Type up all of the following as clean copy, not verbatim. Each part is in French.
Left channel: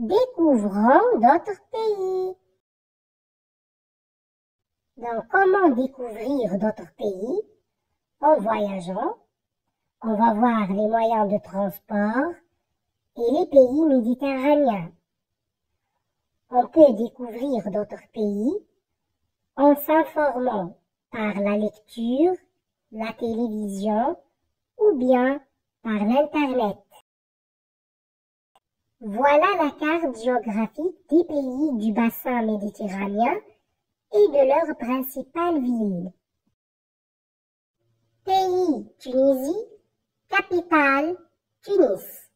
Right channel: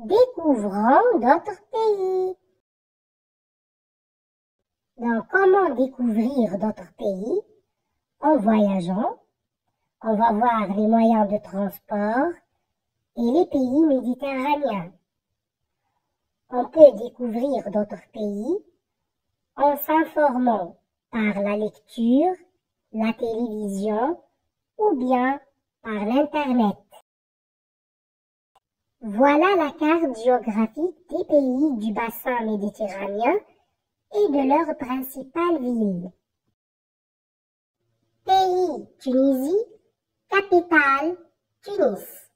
Découvrons d'autres pays. Donc, comment découvrir d'autres pays? En voyageant, on va voir les moyens de transport et les pays méditerranéens. On peut découvrir d'autres pays en s'informant par la lecture, la télévision ou bien par l'Internet. Voilà la carte géographique des pays du bassin méditerranéen et de leurs principales villes. Pays Tunisie, capitale Tunis.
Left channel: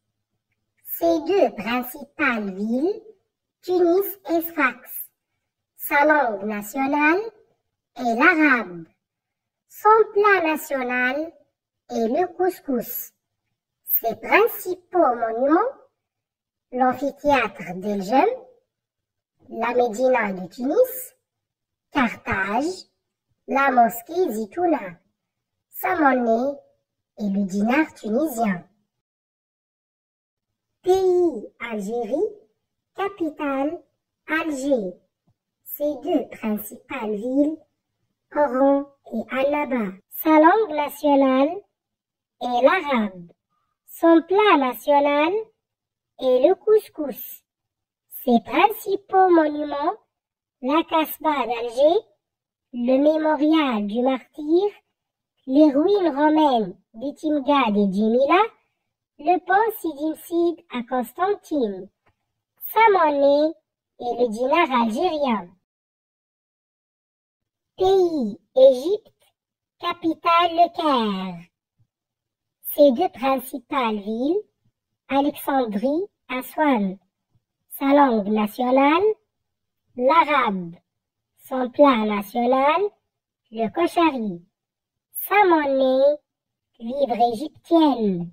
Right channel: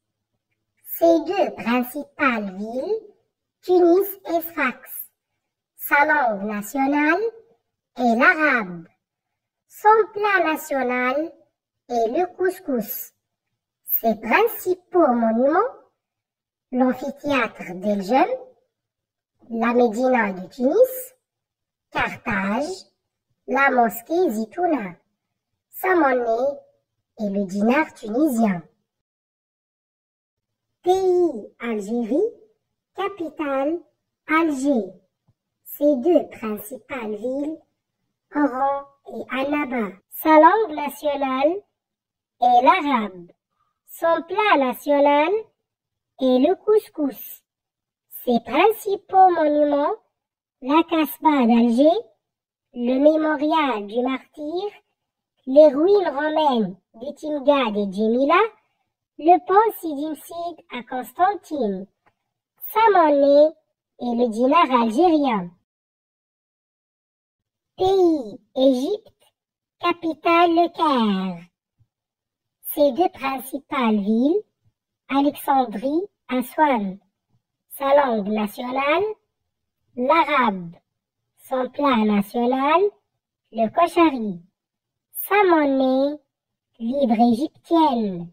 Ces deux principales villes, Tunis et Sfax. Sa langue nationale est l'arabe. Son plat national est le couscous. Ses principaux monuments, l'amphithéâtre d'El Jem, la Médina de Tunis, Carthage, la mosquée Zitouna. Sa monnaie est le dinar tunisien. Pays Algérie, capitale Alger. Ces deux principales villes, Oran et Annaba. Sa langue nationale est l'arabe. Son plat national est le couscous. Ses principaux monuments, la Casbah d'Alger, le mémorial du martyr, les ruines romaines d'Etimgad et Djemila, le pont Sidi Msid à Constantine. Sa monnaie est le dinar algérien. Pays Égypte, capitale le Caire. Ses deux principales villes, Alexandrie, Aswan. Sa langue nationale, l'arabe. Son plat national, le koshari. Sa monnaie, livre égyptienne.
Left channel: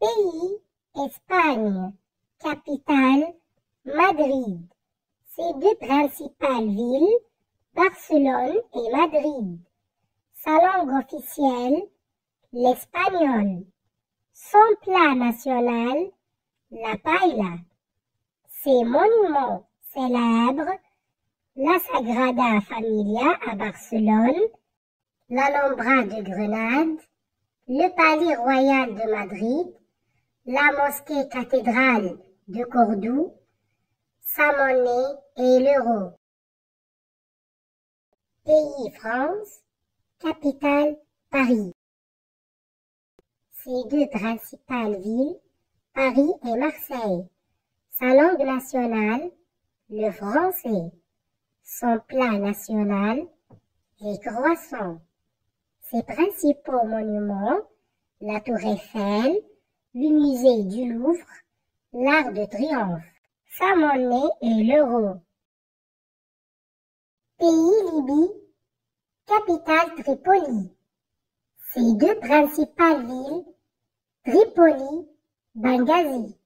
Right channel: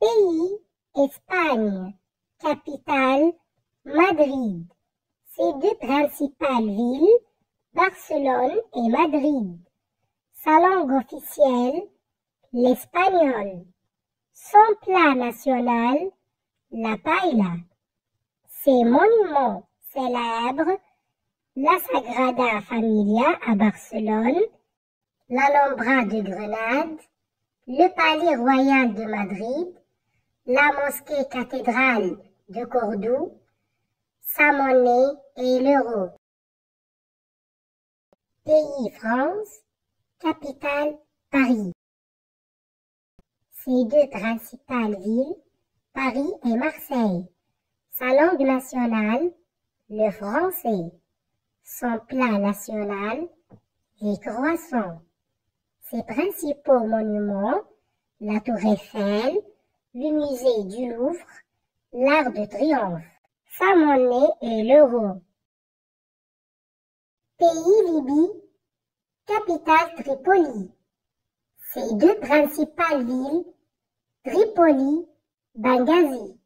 Pays Espagne, capitale Madrid. Ses deux principales villes, Barcelone et Madrid. Sa langue officielle, l'espagnol. Son plat national, la paella. Ses monuments célèbres, la Sagrada Familia à Barcelone, l'Alhambra de Grenade, le Palais Royal de Madrid, la mosquée cathédrale de Cordoue. Sa monnaie est l'euro. Pays France, capitale Paris. Ses deux principales villes, Paris et Marseille. Sa langue nationale, le français. Son plat national, les croissants. Ses principaux monuments, la Tour Eiffel, le musée du Louvre, l'Arc de Triomphe. Sa monnaie est l'euro. Pays Libye, capitale Tripoli. Ses deux principales villes, Tripoli, Benghazi.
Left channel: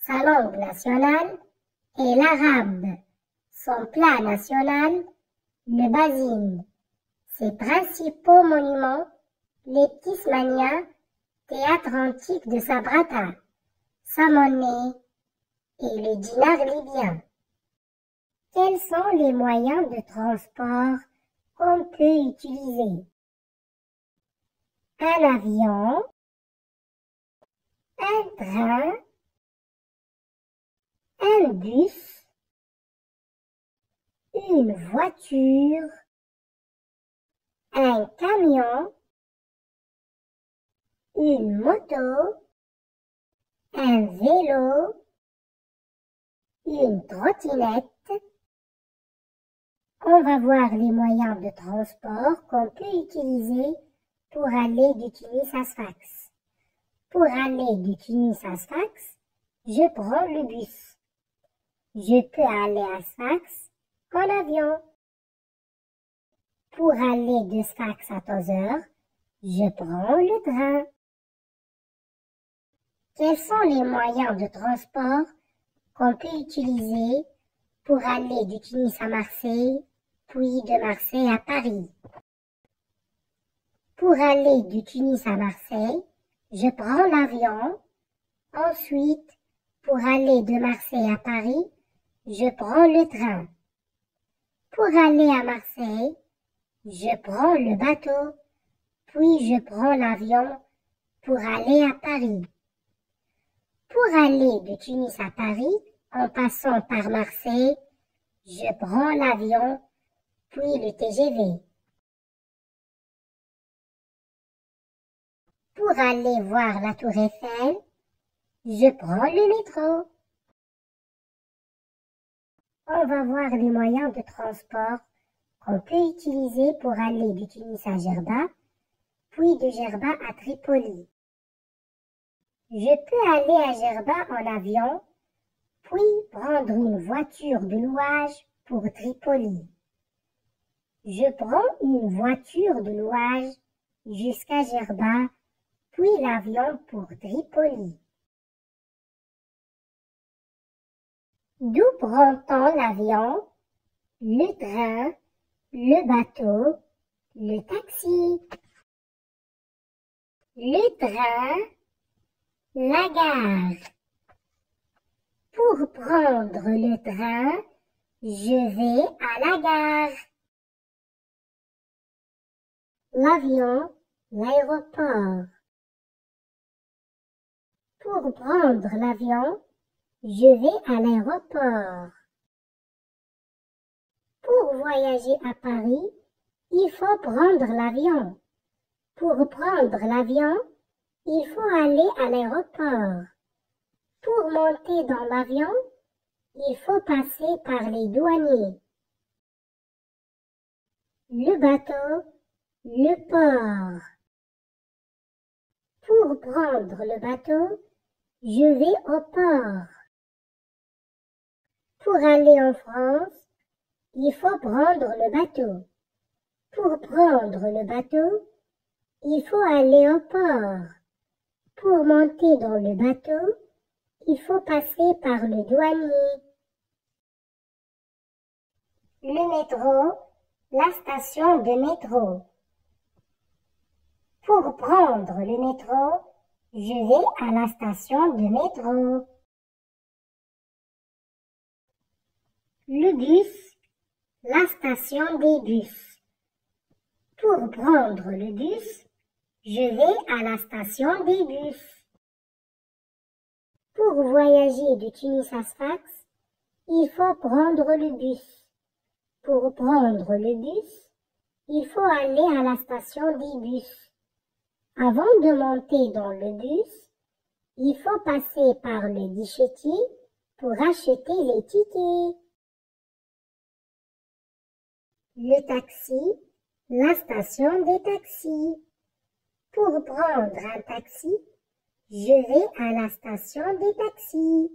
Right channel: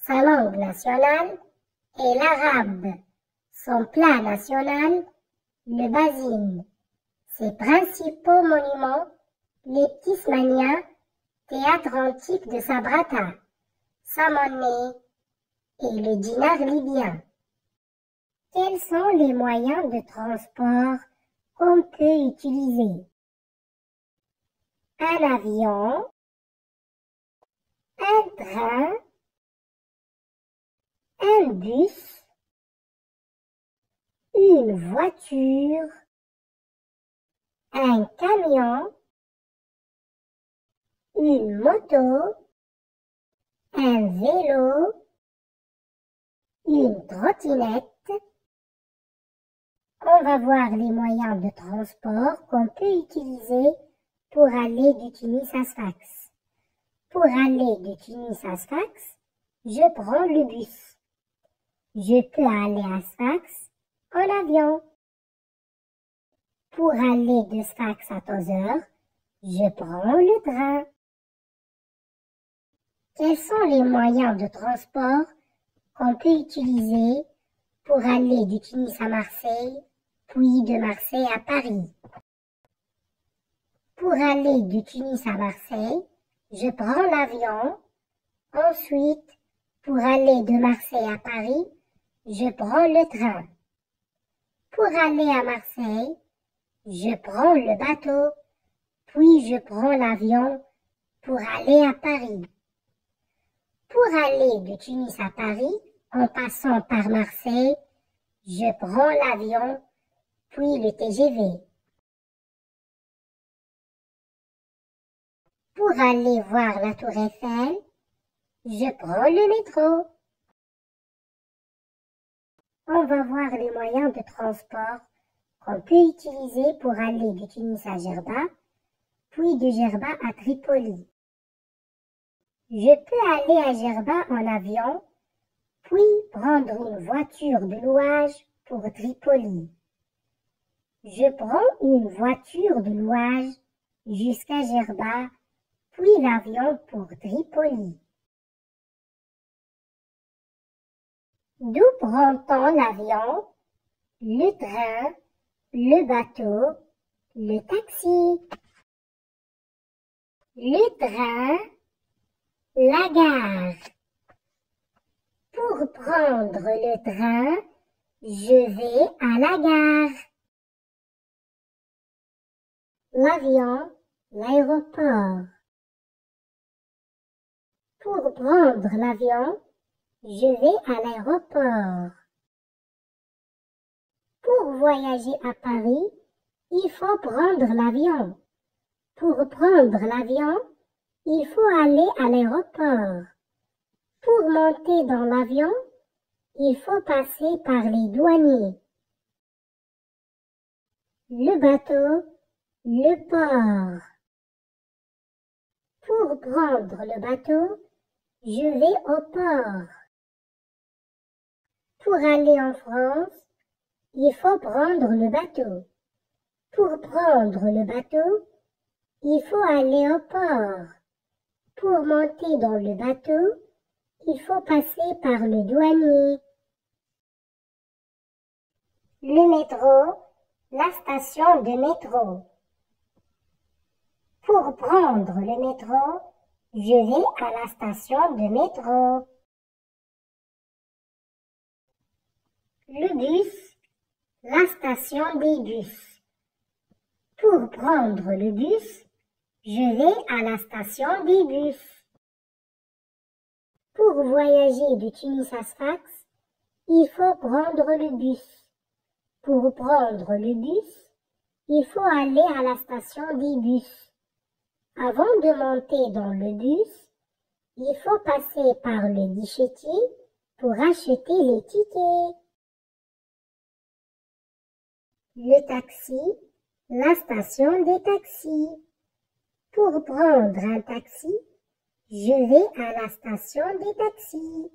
Sa langue nationale est l'arabe. Son plat national, le basine. Ses principaux monuments, les Tismania, théâtre antique de Sabrata. Sa monnaie est le dinar libyen. Quels sont les moyens de transport qu'on peut utiliser? Un avion, un train, un bus, une voiture, un camion, une moto, un vélo, une trottinette. On va voir les moyens de transport qu'on peut utiliser pour aller de Tunis à Sfax. Pour aller de Tunis à Sfax, je prends le bus. Je peux aller à Sfax en avion. Pour aller de Sfax à Tozeur, je prends le train. Quels sont les moyens de transport qu'on peut utiliser pour aller de Tunis à Marseille, puis de Marseille à Paris? Pour aller de Tunis à Marseille, je prends l'avion. Ensuite, Pour aller de Marseille à Paris, je prends le train. Pour aller à Marseille, je prends le bateau, puis je prends l'avion pour aller à Paris. Pour aller de Tunis à Paris, en passant par Marseille, je prends l'avion, puis le TGV. Pour aller voir la Tour Eiffel, je prends le métro. On va voir les moyens de transport qu'on peut utiliser pour aller de Tunis à Djerba, puis de Djerba à Tripoli. Je peux aller à Djerba en avion, puis prendre une voiture de louage pour Tripoli. Je prends une voiture de louage jusqu'à Djerba, puis l'avion pour Tripoli. D'où prend-on l'avion, le train, le bateau, le taxi? Le train, la gare. Pour prendre le train, je vais à la gare. L'avion, l'aéroport. Pour prendre l'avion, je vais à l'aéroport. Pour voyager à Paris, il faut prendre l'avion. Pour prendre l'avion, il faut aller à l'aéroport. Pour monter dans l'avion, il faut passer par les douaniers. Le bateau, le port. Pour prendre le bateau, je vais au port. Pour aller en France, il faut prendre le bateau. Pour prendre le bateau, il faut aller au port. Pour monter dans le bateau, il faut passer par le douanier. Le métro, la station de métro. Pour prendre le métro, je vais à la station de métro. Le bus, la station des bus. Pour prendre le bus, je vais à la station des bus. Pour voyager de Tunis à Sfax, il faut prendre le bus. Pour prendre le bus, il faut aller à la station des bus. Avant de monter dans le bus, il faut passer par le guichetier pour acheter les tickets. Le taxi, la station des taxis. Pour prendre un taxi, je vais à la station des taxis.